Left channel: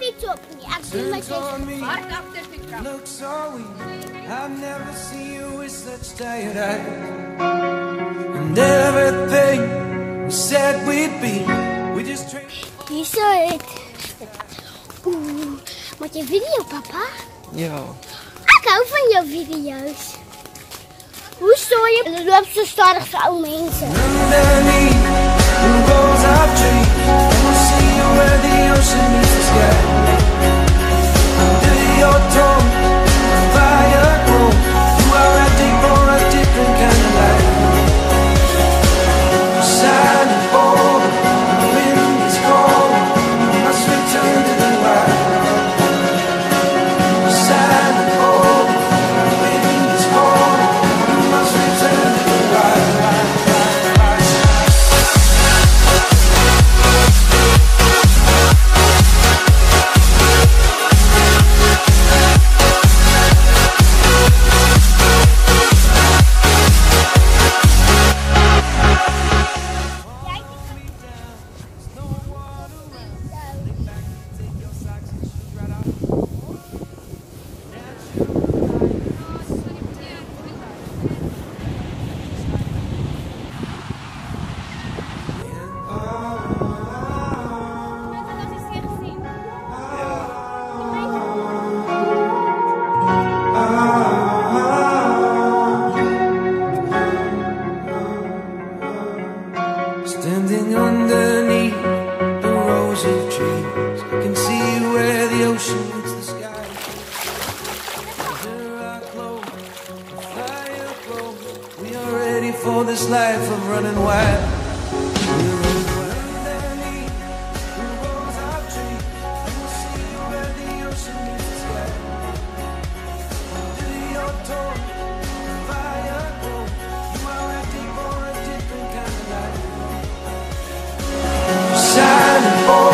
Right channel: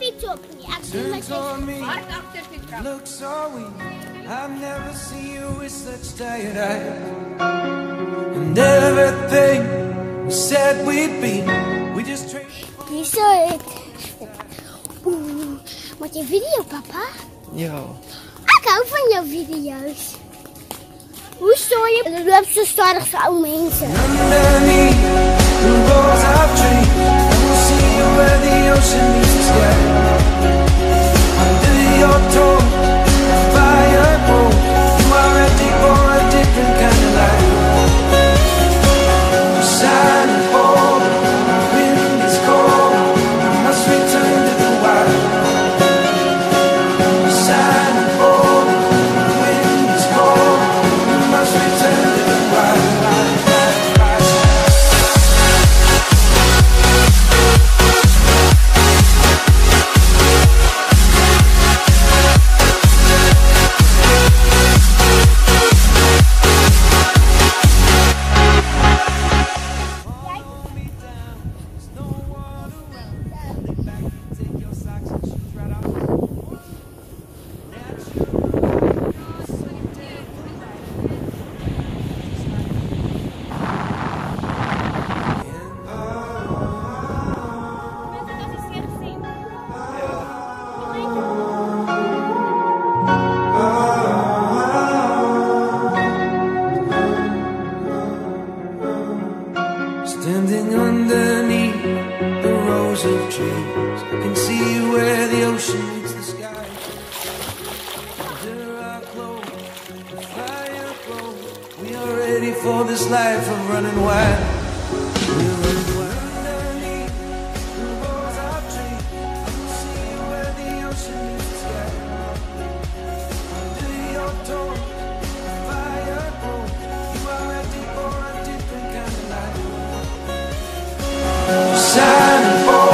fiets op. Turns on me, look so weak. I've never seen you with such tired eyes. And everything we said we'd be, we just traded. Hier zo het. Maak je video, papa? Ja. Ik hou van jouw video's. Hoe sta je? Je loopt zo stadig voor oude mensen. Underneath the rows of trees, I will see you where the ocean meets the sky. Under your toes, fire grows. You are ready for a different kind of life. You're silent, bold, the wind is cold. You must return to the wild. You're silent, bold, the wind is cold. You must return to the wild, wild, wild, wild. Standing underneath the rows of trees, I can see where the ocean meets the sky. Under our clothes, the fire glows. We are ready for this life of running wild. We're running wild. Underneath the rows of trees, I will see where the ocean meets the sky. Under your toes, the fire glows. You are ready for a different kind of life. Shining for